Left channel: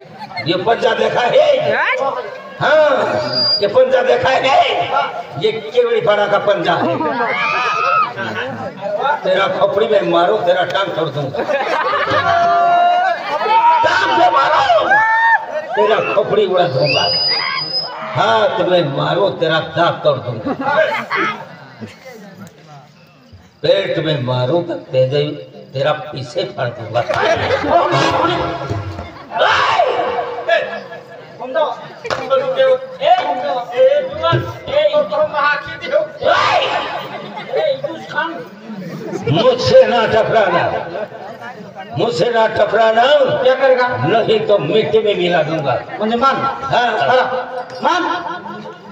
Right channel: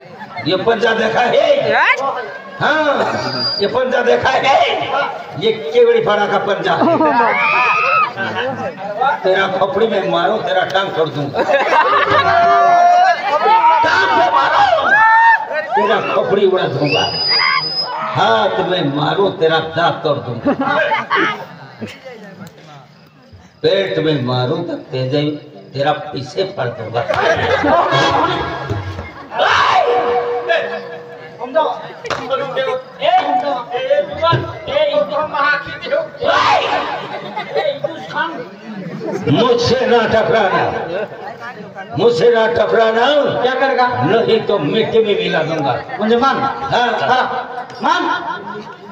ये पंजा देखा है? हाँ, ये पंजा देखा है? ये केवड़ी फाड़ा का पंजा है। तेरा खोपड़ी में मारो, तेरा टांग तोड़ दूंगा। टांग पे मारो, तेरा खोपड़ी उड़ा दूंगा। हाथ में मारो, तेरा दांत तोड़ दूंगा। पेट में मारो तो तेरा पीछे फाड़ दूंगा। मुझसे ना टकराना, मुझसे ना टकराना। क्या करेगा? नहीं तो मिट्टी में मिला दूंगा। मुझे मान। हाँ मान।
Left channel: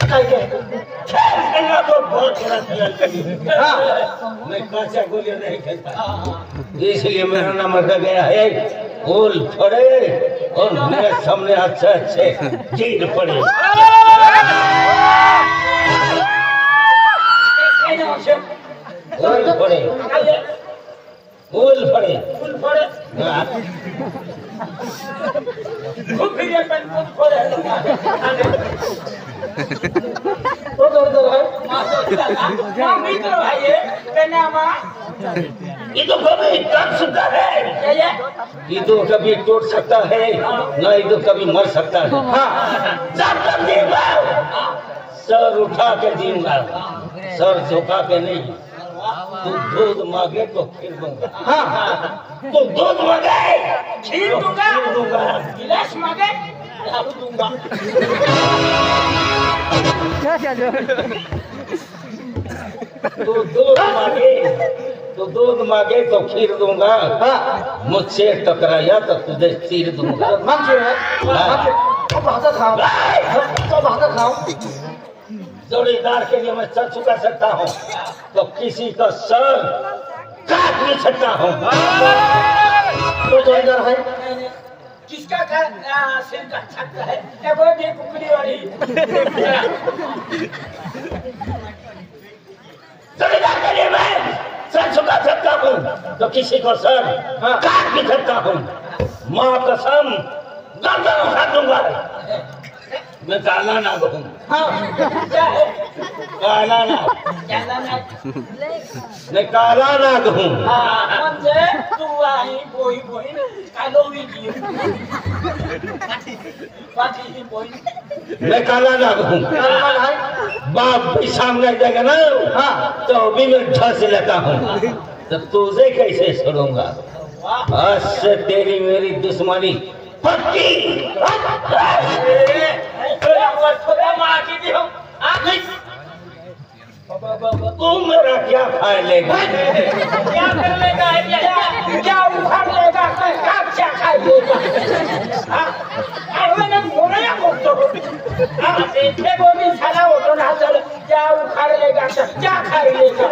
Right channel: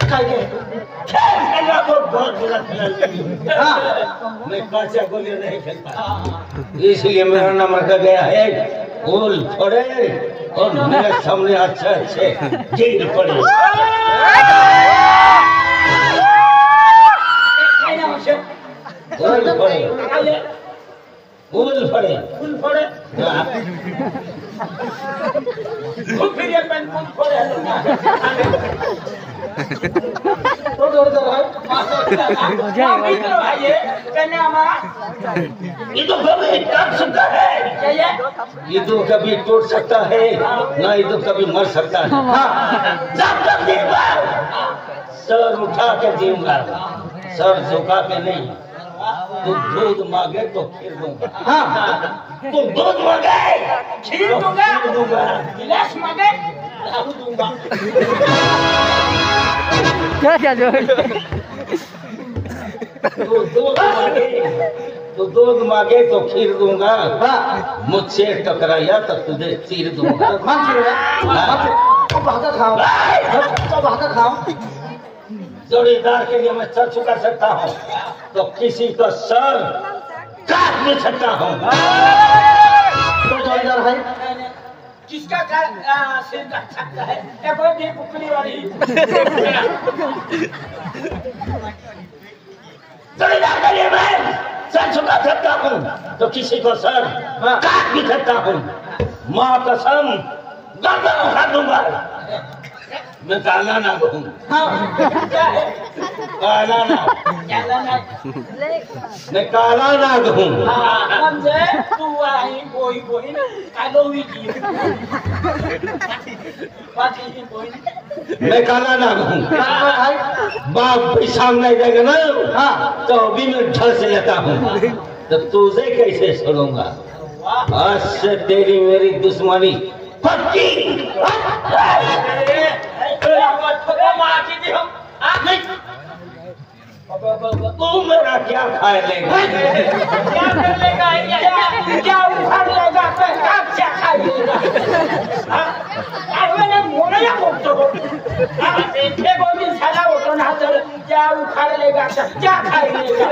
खेलना तो बहुत बुरा खेलता। मैं काचा गोली नहीं खेलता, इसलिए मेरा नाम रखा गया है फूल फड़े और मेरे सामने अच्छे अच्छे जीत पड़े। फूल फड़े, फूल फड़े, फूल फड़े। ये तो कभी टूट सकता है, ये तो कभी टूट सकता है, नहीं तो कभी मर सकता है। जब तक दूंगा सर उठा के दूंगा, सर झुका के नहीं। तू दूध मांगे तो खीर दूंगा। तू दूध मांगे खीर दूंगा, गिलास मांगे दूंगा। तो दूध मांगे तो खीर दूंगा, मुझसे टकराया तो तुझे चीर दूंगा। जोड़ीदार के लिए मैं सर चुका सकता हूँ तो किसी का सर काट नहीं सकता हूँ। तो जोड़ीदार है किसका सिर काट सकता है? ये कुकड़ी वाली जोड़ीदार के लिए मैं सर चुका सकता हूँ तो किसी को सर काट भी सकता हूँ। माँ कसम गर्दन उठा दूंगा। मैं काला नाग हूँ। काला नाग, मैं काला नाग हूँ। मैं काला नाग हूँ। बाप भी सामने जाएगा ना तो भी मैं ढस लेता हूँ। तो तुझे कैसे छोड़ूंगा? आज से तेरी मेरी दुश्मनी पक्की। तू मेरा क्या खाए लेगा? क्या कर लेगा? क्या उखाड़ लेगा? क्या खाए लेगा? क्या उखाड़ लेगा? क्या खाए लेगा?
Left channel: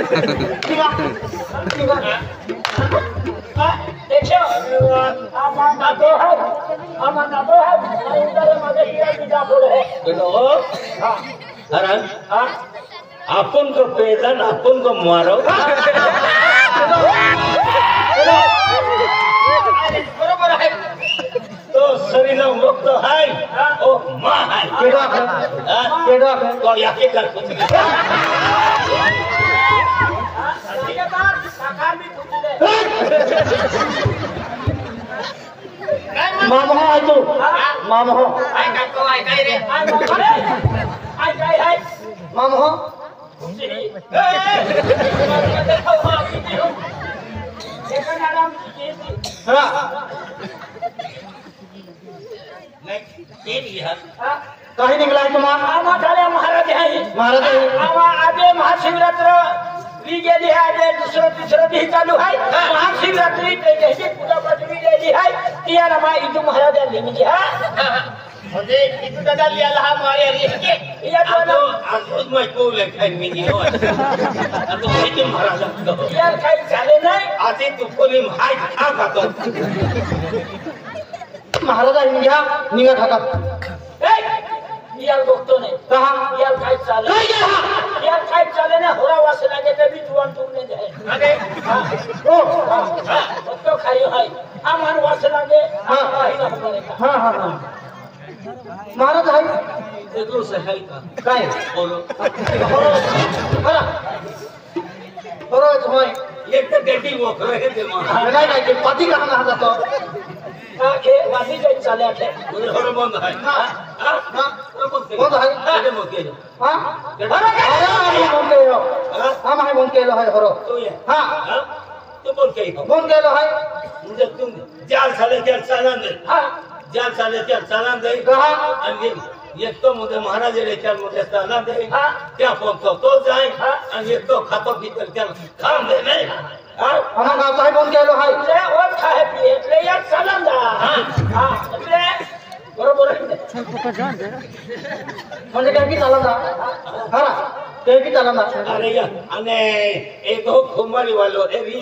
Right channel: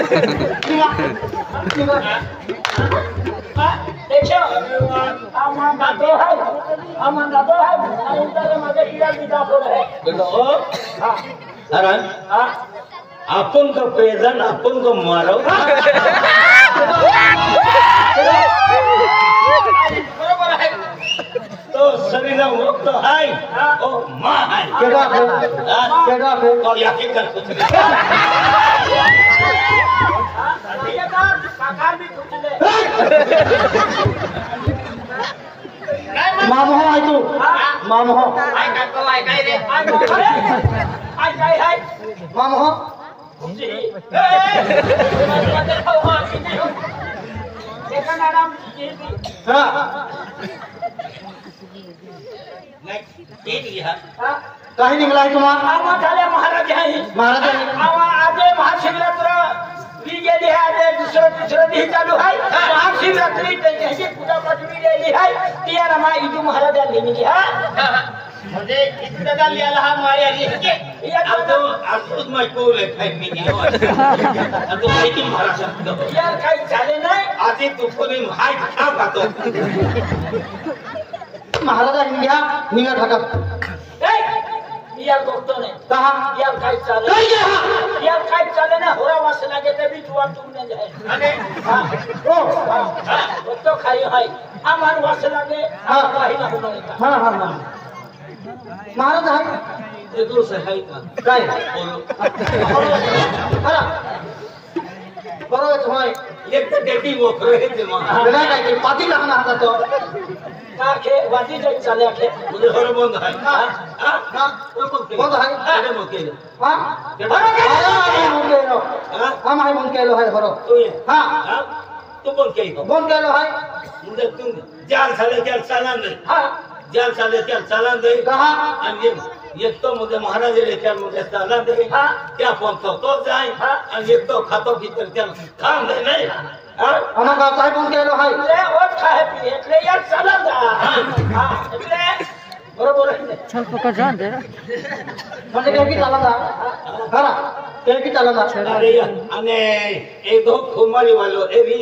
देखो अपन को पैदल अपन को मारो। तो शरीर रोग तो है और माँ है और यहाँ के कर कुछ नहीं। मामो है तू, मामो मामो कहीं निकला है तुम्हारा? महाराज है, महाराज आज महाशिवरात्र गेली है। आज दुसरं तिसरं दिवस चालू आहे। महाशिवरात्री त्याची पूजा पाठवी गेली आहे ती रमा इथू महाराज नेमली आहे। म्हणजे इथं दादा लिहायला हा मारी आली आहे की या तो आज मैं को लेखाय मी गेलो आता माहिती महाराज यार काही झाले नाही। आधी तू कोणी हाय खा खातो महाराज निघा निघा ठाकर यार बघतो नाही कहा यार काय चालले यार काय चालले ना होरा वास लागे तभी तू नाही आहे अरे हां ओ हां तो खाई हाय आम्हाला वास लागे काही नको मला हा हा हा महाराज आहे એટલું સહાય કા काय બોલો बरोबर होय એક તો ડેટી મોકરે છે માં नाही नाही पाठी लागणार हातात तो का के वादी जाय चाले के मुझे हर बंद है हा हां हा कोण आहे आहे मोकेल हा अरे बोल केलो हा माय बोल केलो आहे बरो तू ये हा हां तू बोल के हो बोल केलो आहे म्हणजे तू जाल साले जाल सलाम दे हां जाल साले जाल सलाम दे कहा आणि एक तो मुझे महाराज रे चाल मुझे सलाम दे हां क्या पहुंचो तो जाए आणि एक तो खातो की तर चाल खाम दे नहीं हां आम्हा गाव काय बोल केलो आहे એટલે ઓ ખાય પી એટલે યાર સલામ દા हां એટલે बरोबर म्हणजे काय की चालला खरा काय की चालला अरे यार અને એ તો ખુમારી વાળો એવી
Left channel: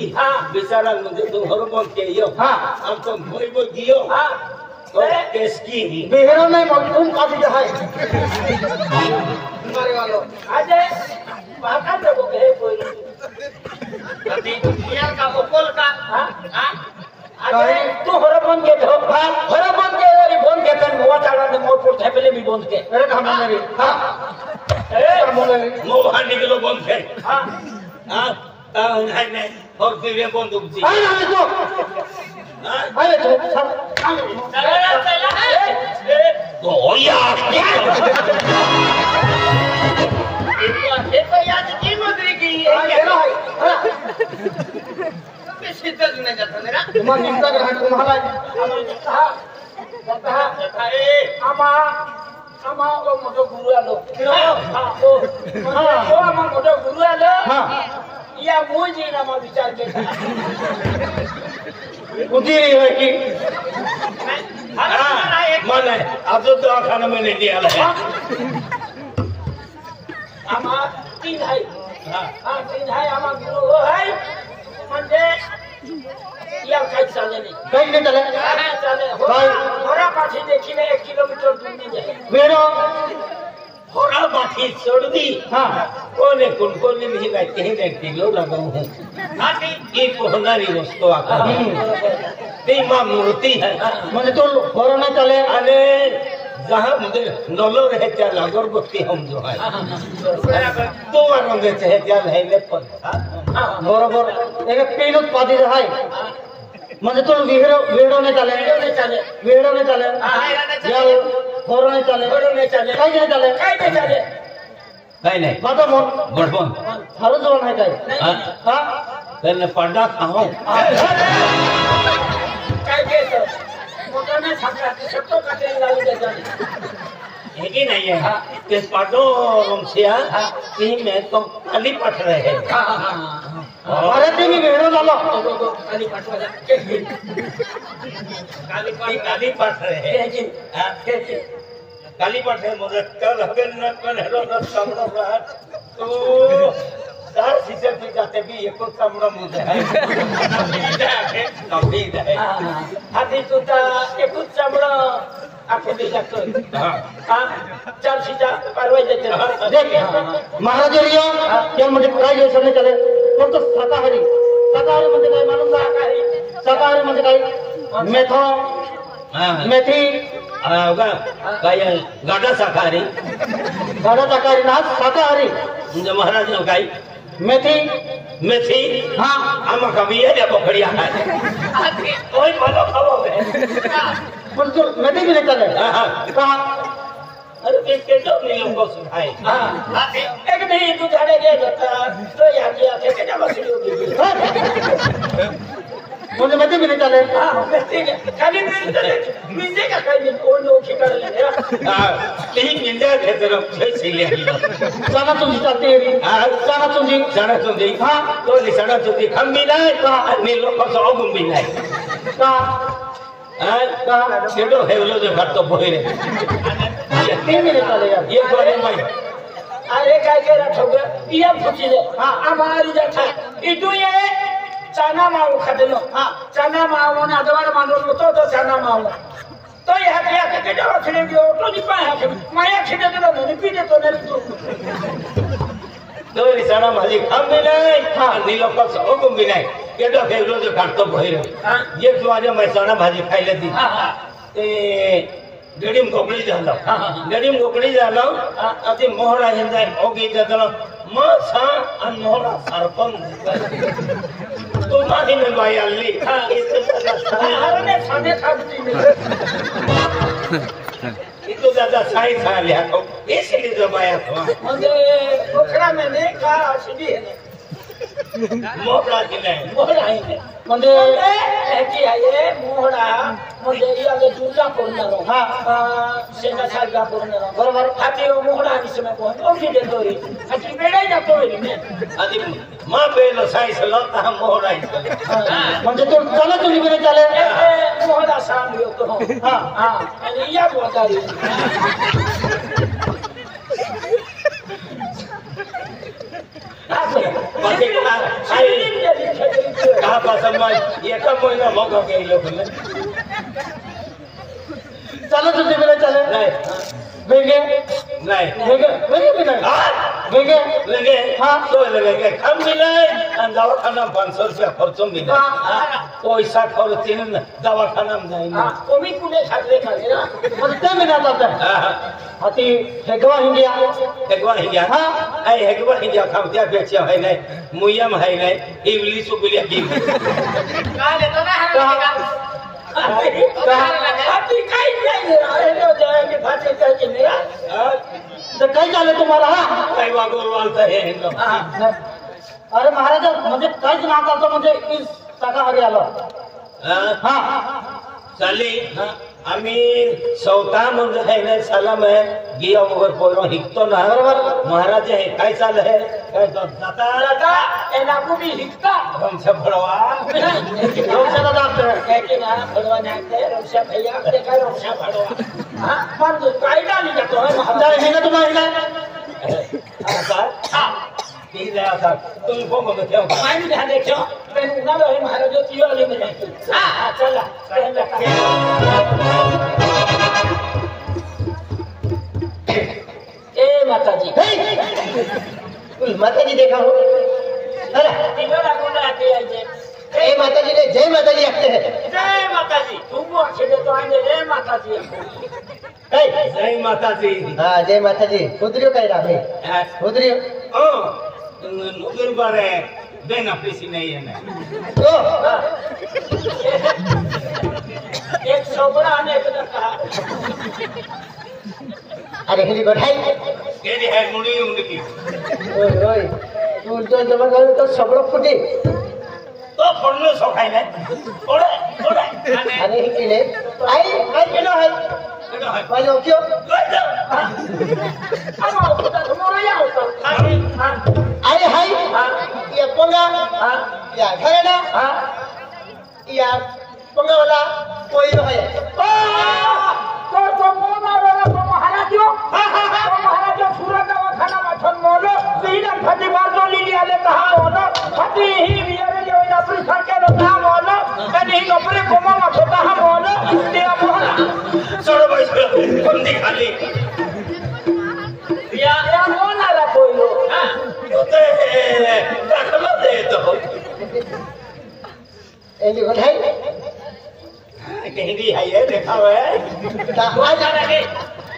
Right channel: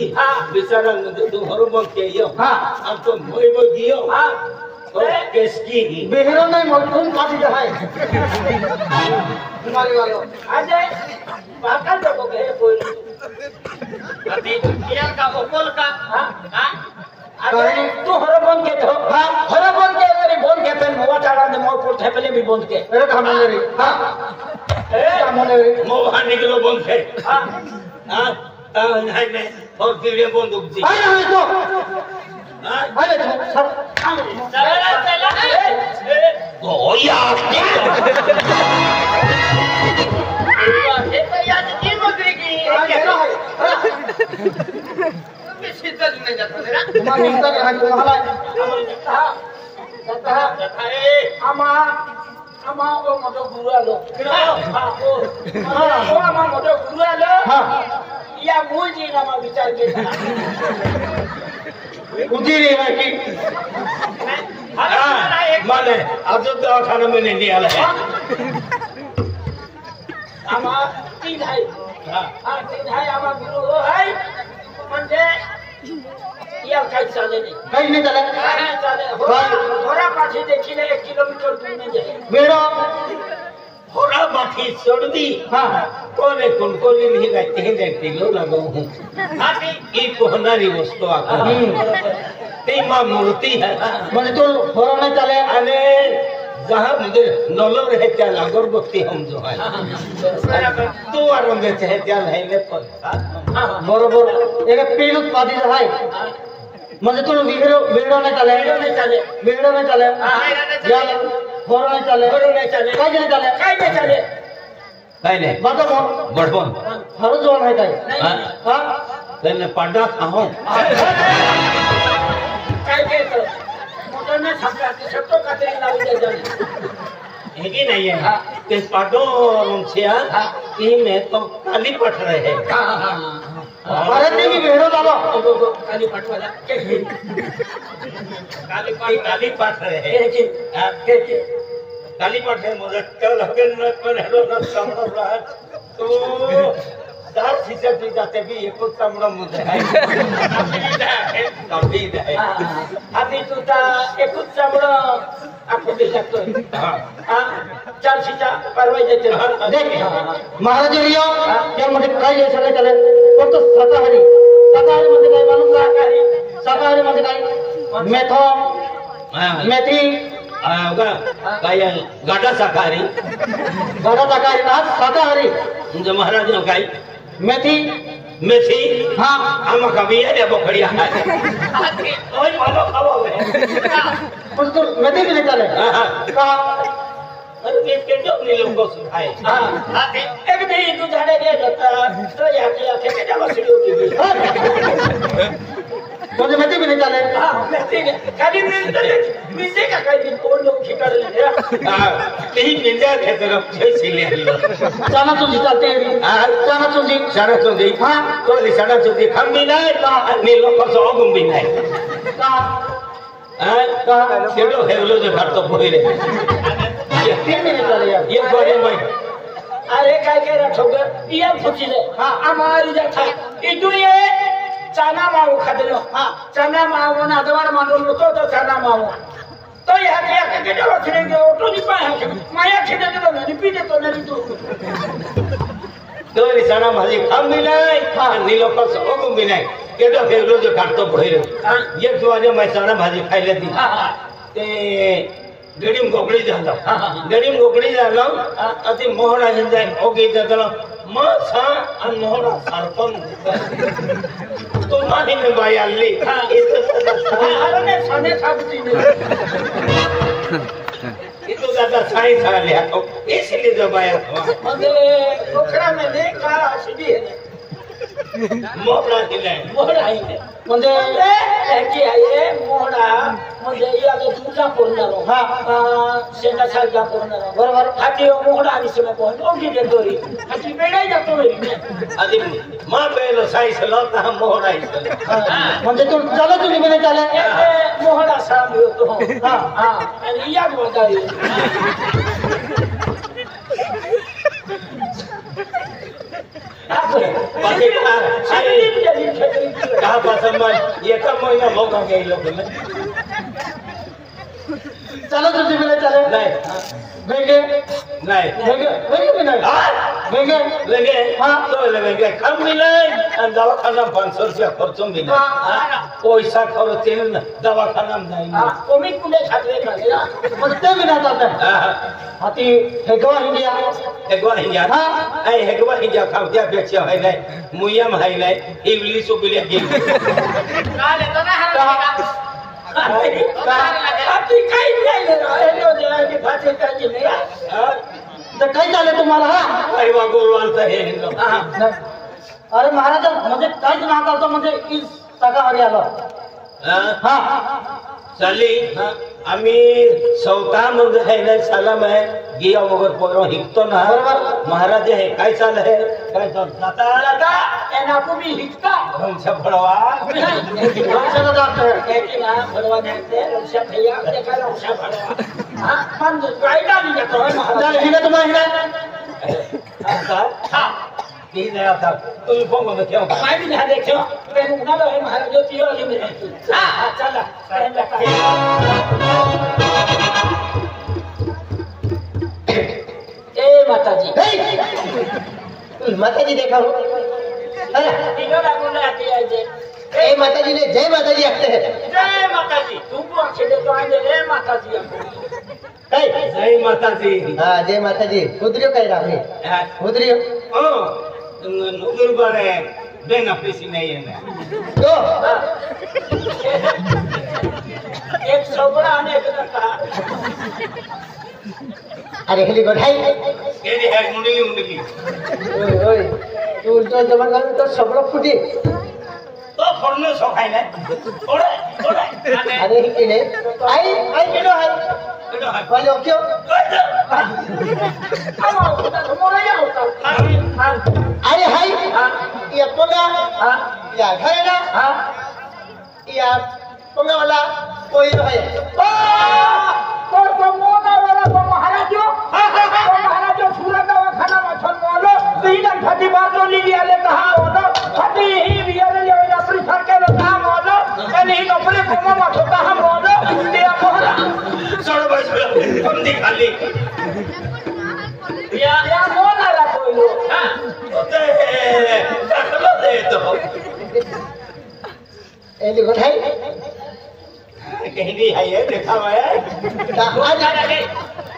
બિચારા મુझे तो हर बम के यो हां हम तो मोई मोई दियो हां तो केसकी बेहरो में मौजूद पार्टी जो है तुम्हारे वालों આજે बाका जगो के कोई अभी यार का ओपल का हां अरे तू हर बम के हो हर बम के और बोल के पेन मोटाड़ा ने मो को थेपले भी बोल के अरे खामोले रे हां ए खामोले रे मो वहां निकलो बोल के हां हां नहीं नहीं और फिर ये बंदूक जी अरे तो अरे तो चला चला तो यार ये तो यार जी मगरी की मैं सीधा नहीं जाता मेरा तुम्हारा हिंसा है तुम्हारा आमा आमा ओ मोठो गुरु आलो हां ओ आमा मोठो गुरु आलो हां या मुळजी नामा विचार केला उजीरी है की माने आज दवाखाना में नहीं आला है आमा तीन है हां तीन है आमा गुरु हो है म्हणजे या काही चाले नाही काही नाही चले हां चाले होरा पाठी देखील 1 किलोमीटर दूर नहीं जाए वेरो होरा पाठी छोड़दी हां कोने कोने नहीं लगते हैं देखते लो लगो हूं हां ये कोहनारी वस्तु आका ते मां मूर्ति है म्हणजे तो होरा नाही चले अरे जहां मुझे नलो रहे क्या लागोर भक्ति हम जो है तो वारों देते हैं क्या नहीं ले पर बरोबर एक पेलूत पादी आहे म्हणजे तो वेरो वेरो नाही चले वेरो नाही चले या होरा नाही चले काही नाही चले काय नाही बाबा बड़पन खरंच जोर आहे काय हा त्यांना पाडा खाओ काय कहतो मोटाने छापला सत्तो काटे लावून द्यायचा है कि नहीं है ते पाडो से तीन है तो काली पट रहे हैं अरे ते मी वेरो झालो काली पटवाला काली पट रहे हैं काली पट है मुझे कल हगन में कौन हेलो ना सामने रहा तो दार सीधे भी जाते भी एक को सामने मुझे है तभी है अभी तो ता एक को सामने आखे दे सकते हां चार सीधा परवे देते देख महाराज रिया क्या म्हणजे काय यायचं नाही चले फक्त शाकाहारी म्हणजे काय माणूस शाकाहारी म्हणजे काय मेथो मेथी काय गाडा शाकाहारी ना शाकाहारी म्हणजे महाराज काय मेथी मेथी हाँ आम कभी है या बकरिया है ओए मानो खाओ है पण तू मेथी भी नहीं चले कहा अरे देख के तो नहीं लोगों को सुनाए हां एक नहीं तू जाने के जाता तो याकी आके के जब सिलो की मुझे मेथी भी नहीं चले हां मेथी खाली मिलते का खाली और लोग खिकार ले हां नहीं मिल जाए थे तेरे पैसे ले चाना चुंजी चलते हैं हां चाना चुंजी हां तो चाना चुंजी हम भी नहीं नहीं लोगों को और भी नहीं चलो हेलो जो घर तो बोले तीन मिनट चले यार ये बोले भाई अरे काय के रखोगे ये फुचीले हां हमारी जाता इदु ये चना माऊ खादेलो हां चना माऊ ना अदवार मांडो तो चना माऊ तो या के जो छिलेंगे तो नि पाए माया छिले तो नि पीते तो नहीं तो चना भाजी खाम भी नहीं नीलो को ओगम भी नहीं केडो फेगलो जो काटतो भइरो एक तुझ्या मैसाना भाजी खायला दी ते गडीम गोकळी झालो गडीम गोकळी झालो अति मोहरा जाय ओके जातो मग सा आणि मोहरा सरपण तो माही में बाई आली अरे साने खाती itu दादा साई झाले इसलिए जो बाया म्हणजे पोखरा मैंने का सीधी है मोहरा दिलाय मोहरा आहे म्हणजे याची आहे मोहरा म्हणजे याला तुझा पूर्ण हा शेंगा सारखा पूर्ण बरोबर हाती मोहरा आणि समय पोहत ओके देतोरी हाती बेडा जातो रे आधी मा पेलो साई सलो ता मोहरा म्हणजे तू चला तुम्ही बने चाले मोहरा सामी होतो हा आणि या बोलतारी चला तुझी बने चाले नाही वेगे नाही वेगे वेगे भी नहीं वेगे लगे हाँ तो लगे कम मिले दवाखाना 500 रुपया खर्चो मिले पैसा खर्च दवाखाना में जाएंगे कोमी कुने खाते करेगा कुत्ते भी ना जाते हाथी हेगवा इंडिया हाँ ऐ हेगवा इंडिया खावत्या बेचिया है नहीं मुया में है नहीं इंग्लिश को बिले गिन काले तो ना हाथी काही नाही हेलो जाके भाषे काही नाही तो कहीं चाले तुम्हाला काही बोलवांचा हे अरे महाराज म्हणजे काहीच ना करतो म्हणजे इस शाकाहारी आलो हाँ चली आम्ही सौता म्हणजे है नाही साला में गिया वगैरे पोरो हिकतो ना महाराज हे काय चाल है काय चाल जाता दादा एना को भी हिकता हमसे भड़वा रोशन दाते कहते ना भड़वा नाते रोशा भैया देखा रोशा भड़वा हां मन काय डाली जातो है तर हिने तुम्हाला हां ठीक है आता तुम फोन में क्या मैं भी ना देखो मैंने ना लो महाराज जो तियो वाली में हां चला कहला ए माताजी माताजी देखा हो अरे तिगड़ा बोला आते आई जे ए माताजी ने जय माताजी आते हैं जय माताजी तुम अकेले तो आए रे माताजी जय माता जी हाँ जय माताजी उधरियो कह रहा है उधरियो ओ नूर बड़े बेना पीसी नहीं है तो एक सोबरा आने के कहा अरे हिली गोठाई केली है मुंडी मुंडी ओए तू तो जबरदस्त तो सब लोग फुटी तो फोड़ने सोखाई नहीं ओड़े ओड़े अरे हिने आई आई केलो है केलो है वाले क्यों हम होता मोरा या होता आई हाय ये पोंगा या घरेना या पोंगा वाला कोई तो है तो मोना वाला तो महाराज जो सूरत का खाना में छन मोलो तीन फटी बार जो लिया ले कहा होलो फटी ही बियर जो नौकरी सरकार लो काम होलो यानी नौकरी कोमा में होता हम होलो दिया मोहरा छोड़ो भाई हम दिखा ली या मोना रा कोई हां तो दाखला दे तो एली गोठाई कहीं भी है ये देखा हुआ है आज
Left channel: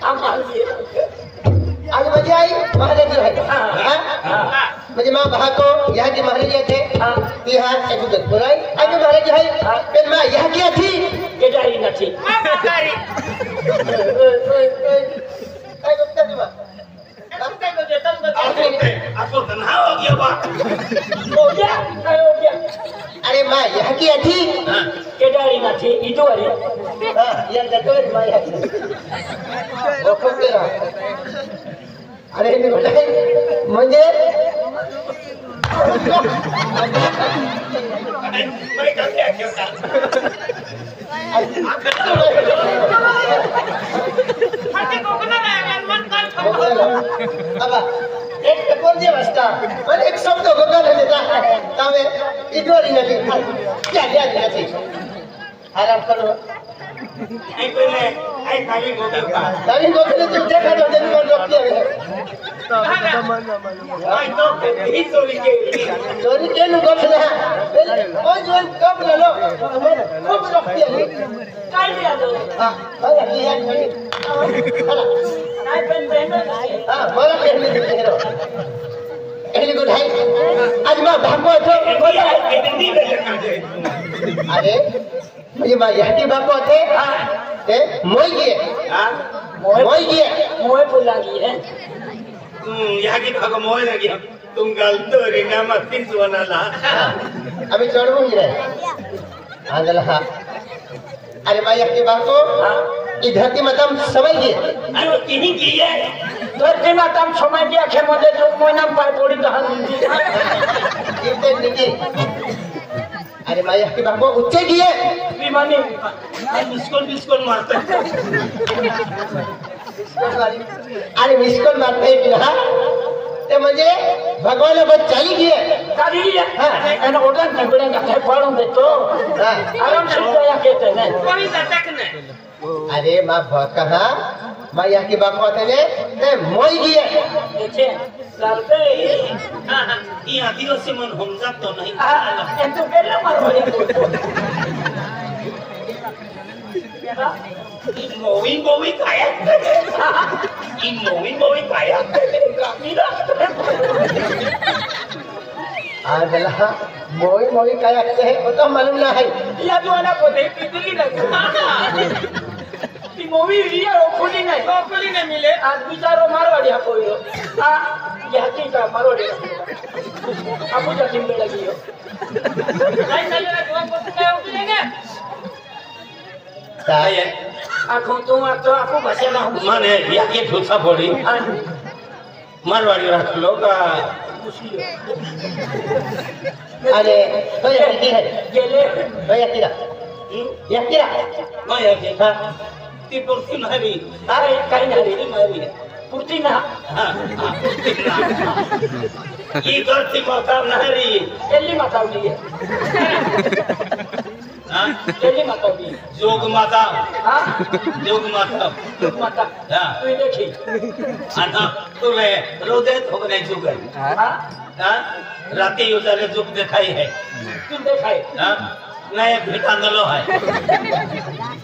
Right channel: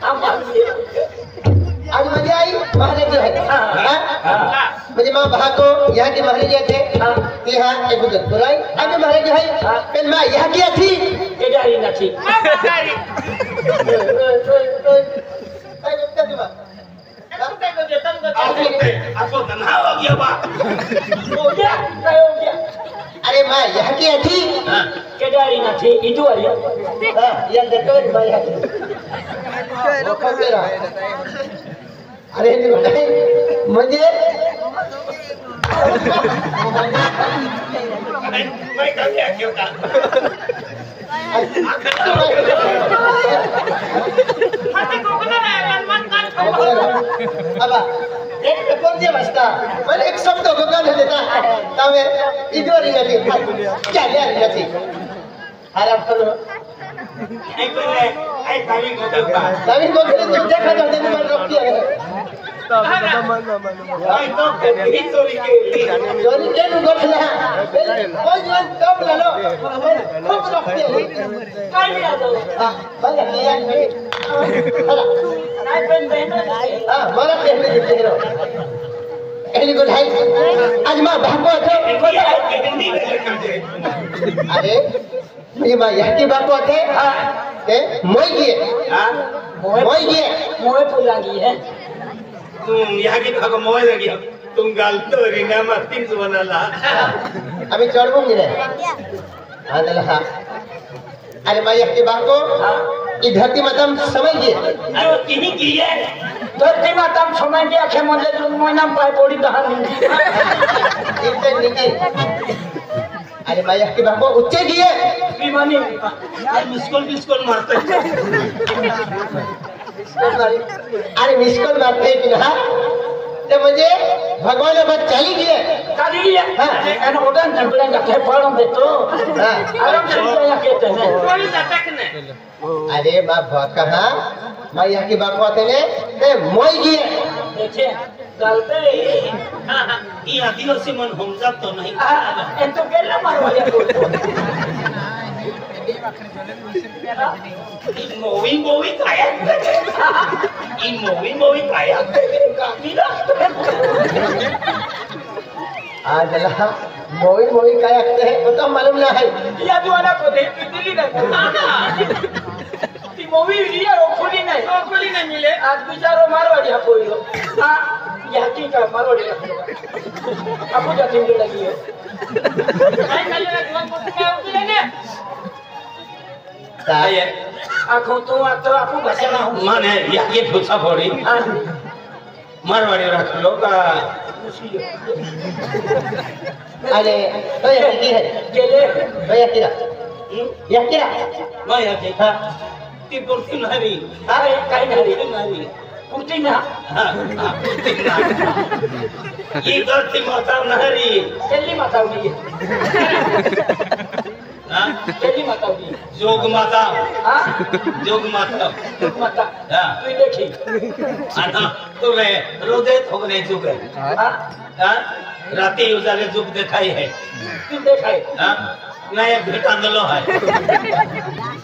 हम आज मजा आई महाराज जो है मुझे माँ बहा को यहाँ की महाराज थे कि हाँ एक उधर बुलाई आज महाराज जो है फिर माँ यहाँ क्या थी केदारी न थी आपको तन्हा हो गया बा हो गया अरे माँ यहाँ क्या थी केदारी न थी इधर हाँ ये देखो माँ यहाँ थी वो कब गया अरे नहीं मुझे मैं क्या क्यों था अब एक पेपर दिया बसता और एक शब्द होगा नहीं देता तब इधर ही नहीं क्या क्या नहीं आराम करो आई पहले काय काली गोके काली गोके तू देखा तो दिन में रख दिया है भाई तो ही चोरी के गोखला ओ जो कब लो खूब रख दिया काय दिया दो हां भले दिया नहीं नाही पण बहिण हां मला पहले दिखे रो एली गुड है आज मैं भागो तो अरे मेरी मां यह की बात होते ए मोई की मोय पुलांगी है यहाँ की भाग मोय लगी तुम गालतो रीना मतीच बनाला अभी चढ़बो नहीं रहे हाँ दला हाँ अरे मैं यह की बात को ये धरती माता समझ गए जो किन्हीं की है धरती माता समझ गया कि मुझे जून महीना पाए पड़ी दहान इतने नीचे अरे मैं यह की बात को उच्चे किए विमानी मिसकोल मारते अरे मिसकोल मारते हैं कि ना ते म्हणजे भगवान अब चाली गए काली है एन उड़न झगड़ेंगा थे पड़ों दे तो आराम से क्या कहते हैं कोई अटक नहीं अरे मां कहा मैं यह की बात बात है ते मोई गए देखिए चलते हां ये आदिवासी मन हम जात तो नहीं एन तो केला मारवाया मोवी काय ई मोवी काय आजला मोई काय आते हैं वो तो मालूम ना है या तुम्हाला को दे दिली नाही ती मूवी लिया ओखुली नहीं मिले आज बिचारो मारवाड़ी कोई हो हां यह की का मारवाड़ी आपको जाती लगी है काय खाली ना कोण कोण काय उभी है काय आखो तू आखो भाषा ना हूं माने ये ठोसा पड़ी मारवाड़ी रख लो का अरे भैया की है गेले भैया की मैं ये हां ती पुरती नाही अरे काय नाही पुरती ना ये करती माता नाही केली मातावली हां केली मातावली जोग माता हां जोग माता माता हां तू देखी आता तू रे रोजे थोने जुग है हां हां राती उजाले जुग दिखाई है तू देखाय हां नया भेटा नलो है